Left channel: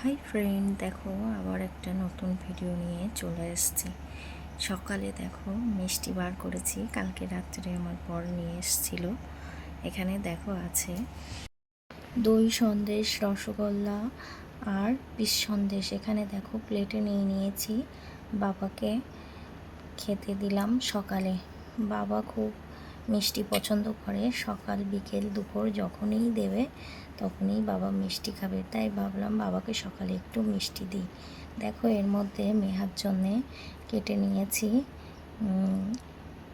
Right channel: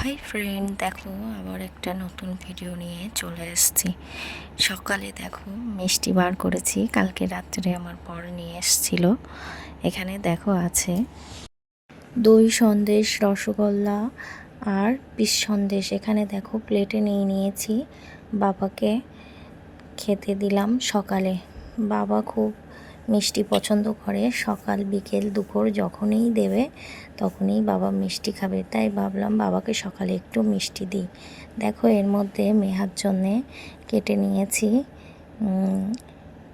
Hi friend, দেখো আবার একটা নতুন ভিডিও নিয়ে চলে এসেছি। সকালে দেখো মিষ্টি বার করেছি, কালকে রাত্রে আমার বর নিয়ে এসেছিল। এখানে দেখো আছে দই সন্দেশ, রসগোল্লা আর পিস সন্দেশ। এখানে দেখো প্লেটে নিয়ে নিয়েছি, বাবাকে খেতে দিলাম সকালে। বাবা খুব মিষ্টি পছন্দ করে, সকাল বিকেল দুপুর যখনই দেবে তখনই বাবা মিষ্টি খাবে, তাই ভাবলাম বাবাকে সকালে একটু মিষ্টি দিই। দেখো এর মধ্যে মেহার জন্যে কেটে নিয়েছি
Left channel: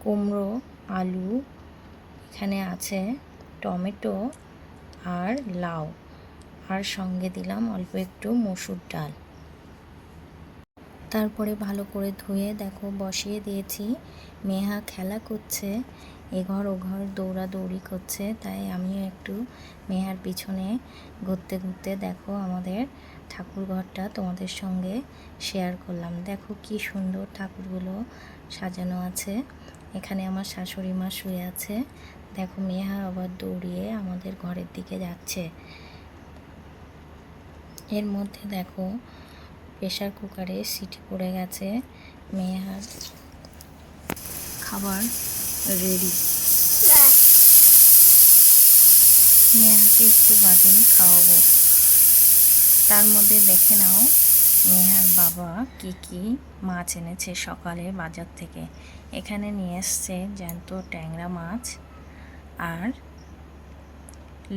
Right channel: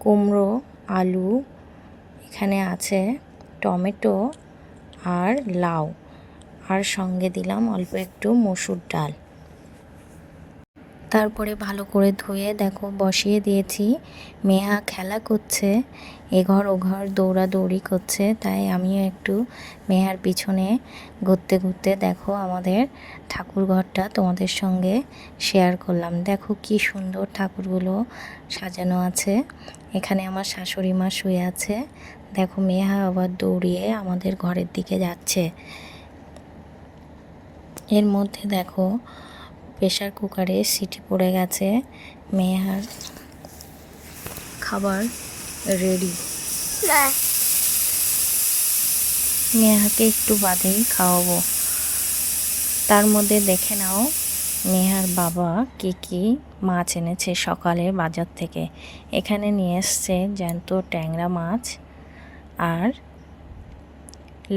কুমড়ো, আলু, এখানে আছে টমেটো আর লাউ, আর সঙ্গে দিলাম অল্প একটু মসুর ডাল। তারপরে ভালো করে ধুয়ে দেখো বসিয়ে দিয়েছি। মেয়া খেলা করছে, এঘর ওঘর দৌড়াদৌড়ি করছে, তাই আমিও একটু মেয়ার পিছনে ঘুরতে ঘুরতে দেখো আমাদের ঠাকুর ঘরটা তোমাদের সঙ্গে শেয়ার করলাম। দেখো কি সুন্দর ঠাকুরগুলো সাজানো আছে। এখানে আমার শাশুড়ি মা শুয়ে আছে। দেখো মেয়া আবার দৌড়িয়ে আমাদের ঘরের দিকে যাচ্ছে। এর মধ্যে দেখো প্রেশার কুকারে সিটি পড়ে গেছে, মেয়ার খাবার রেডি। মেয়াকে একটু বাদেই খাওয়াবো। তার মধ্যে দেখে নাও মেহার বাবা কি মাছ এনেছে সকালে বাজার থেকে। এখানে নিয়ে এসছে জ্যান্ত ট্যাংরা মাছ আর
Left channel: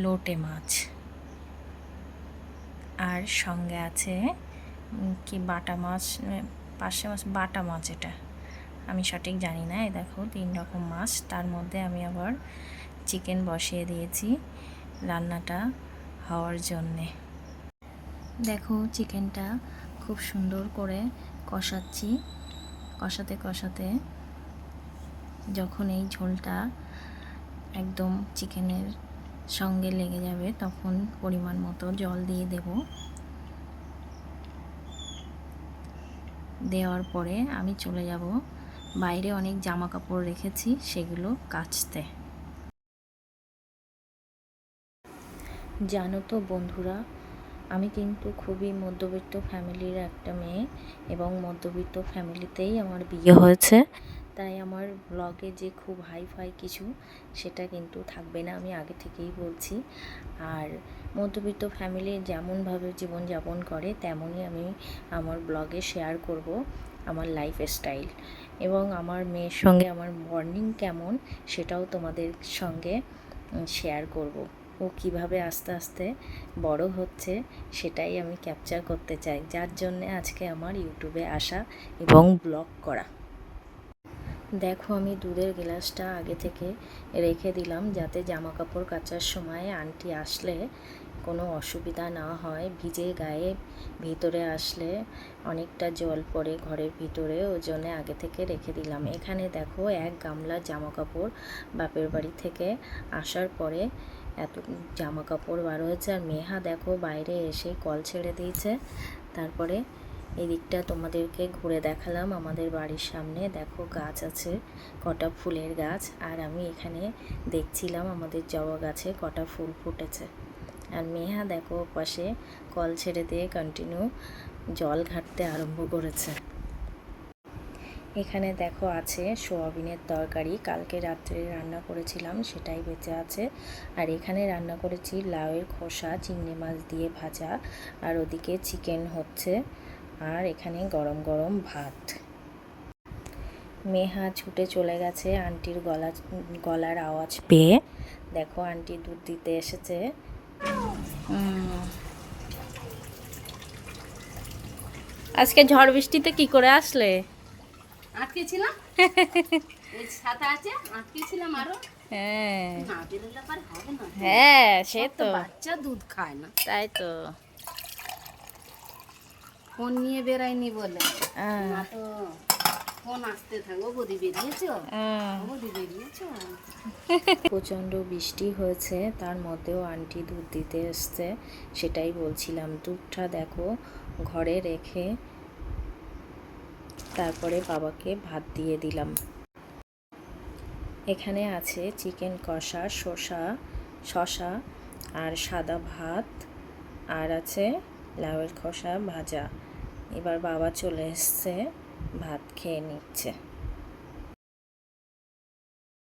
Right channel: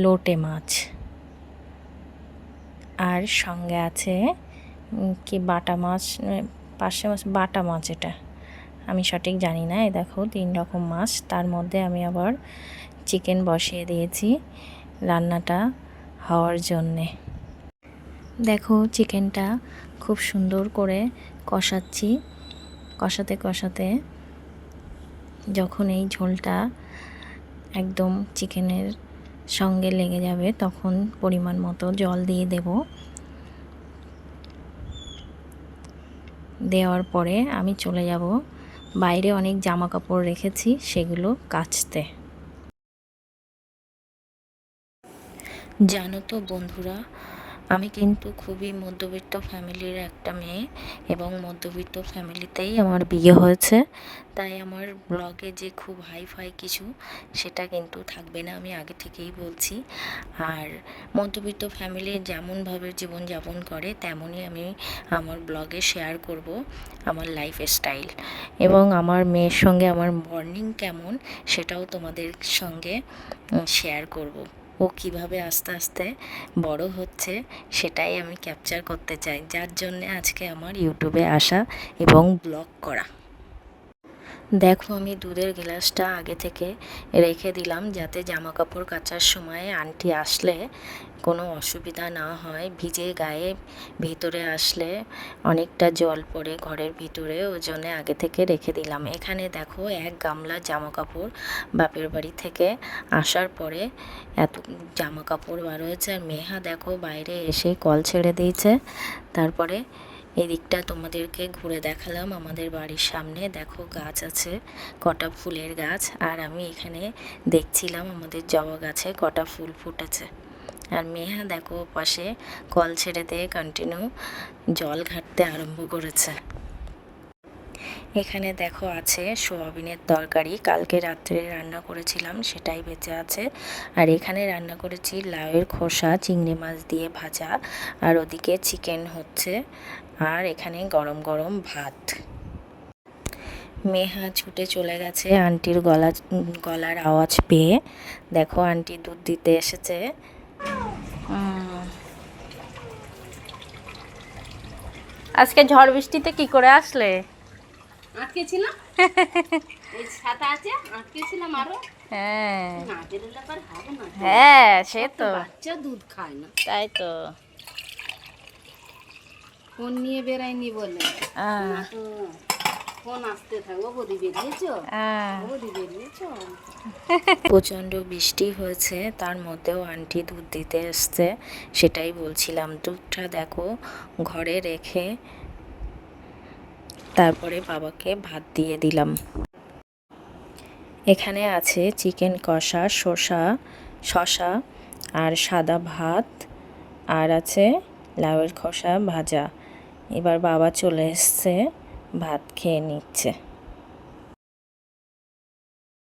লোটে মাছ, আর সঙ্গে আছে কি বাটা মাছ, পার্শে মাছ, বাটা মাছ, এটা আমি সঠিক জানি না। এই দেখো 3 রকম মাছ। তার মধ্যে আমি আবার চিকেন বসিয়ে দিয়েছি রান্নাটা হওয়ার জন্যে। দেখো চিকেনটা খুব সুন্দর করে কষাচ্ছি, কষাতে কষাতে যখন এই ঝোলটা একদম চিকেনের সঙ্গে লেগে যাবে তখন পরিমাণ মতো জল দিয়ে দেব। দেওয়ার পরে আমি চলে যাব বাইরে, অনেক জামা কাপড় রেখেছি সেগুলো কাচতে। জানো তো বন্ধুরা, আমি কিন্তু খুবই মধ্যবিত্ত ফ্যামিলির একটা মেয়ে, এবং মধ্যবিত্ত ফ্যামিলিতেই আমার বিয়ে হয়েছে, তাই আমার ব্লগে যে খুব হাইফাই কিছু সেটা কিন্তু থাকবে না, আমি আগে থেকেই বলছি। আর মধ্যবিত্ত ফ্যামিলির যেমনভাবে জীবনযাপন করে তেমনই আমি আমার ব্লগে শেয়ার করব আমার লাইফ স্টাইল, এবং আমার মেয়ের সঙ্গে আমার মর্নিং কেমন সেটাও তোমাদের সঙ্গে শেয়ার করব। ও কিভাবে আস্তে আস্তে বড় হচ্ছে সেটাই আমি ক্যাপচার করতে চাই, যার জন্যে আজকে আমার ইউটিউবে আসা এবং ব্লগ করা। দেখো আমি দুধের গ্লাসটা আগে থেকে রেখে দিলাম যাতে জামা কাপড় কাচার সময় আন্টি আসলে কোনো অসুবিধা না হয়। ভিজে গায়ে ভিতরে আসলে অনেকটা জল পড়ে ঘরের ভিতরে, ওই জন্যে আগে থেকে রেখে দিলাম। এখানে দেখো 1 গামলা জামা কাপড় বাপের বাড়ি থেকে আসার পরে এত জামা কাপড় বার হয়েছে। আর মেহা দেখো বাইরে এসে কল ছেড়ে দিয়েছে। তারপরে এদিকটা তোমাদেরকে ঘুরে দেখালাম, আমাদের বাড়ির সামনে দেখো গাছ আছে, কটা ফুলের গাছ, আর আমি এখানে দেখছিলাম আমাদের জবা গাছে কটা ফুল ফুটেছে। আর মেহা দেখো পাশে কল ছেড়ে দিয়ে কন্টিনিউ জল ঘাটতে আরম্ভ করেছে। এখানে দেখো আছে সোয়াবিনের তরকারি, কালকে রাত্রে রান্না করেছিলাম সেটাই বেঁচে আছে। আর এখানে রান্না করেছি লাউয়ের খোসা চিংড়ি মাছ দিয়ে ভাজা, আর ওদিকে চিকেন হচ্ছে, আর এখানে গরম গরম ভাত। মেহা ছুটে চলে গেছে আন্টির গলার আওয়াজ পেয়ে। দেখো আন্টি দুধ দিতে এসেছে। আজকে ঝড় বৃষ্টিতে কি করে আসলে? আটকে ছিলাম, এই ছাতা আছে, আটকে ছিলাম আরো। হ্যাঁ না বেরোলে আবার হবে না। হ্যাঁ, সে তো বাচ্চা দুধ খায় না, তাই তো। ফোন নিয়ে বেরায়নি বলে না তো ফোন আসতে থাকবো। বৌদি বেরিয়েছো, বৌদি বেরিয়েছো। প্রচণ্ড বৃষ্টি হয়েছে, তার মধ্যেও আন্টি দুধ দিতে এসছে, সেটাই বলছিলাম। দুধটা দেখো ঘরে রেখে তারপরে বাবাকে ভাত দিয়ে দিলাম। এখানে আছে চিকেন কষা, শসা আর সাদা ভাত, আর আছে লাউয়ের খোসা ভাজা। এবার বাবা চলে এসছে, ভাত খেয়ে নিচ্ছে।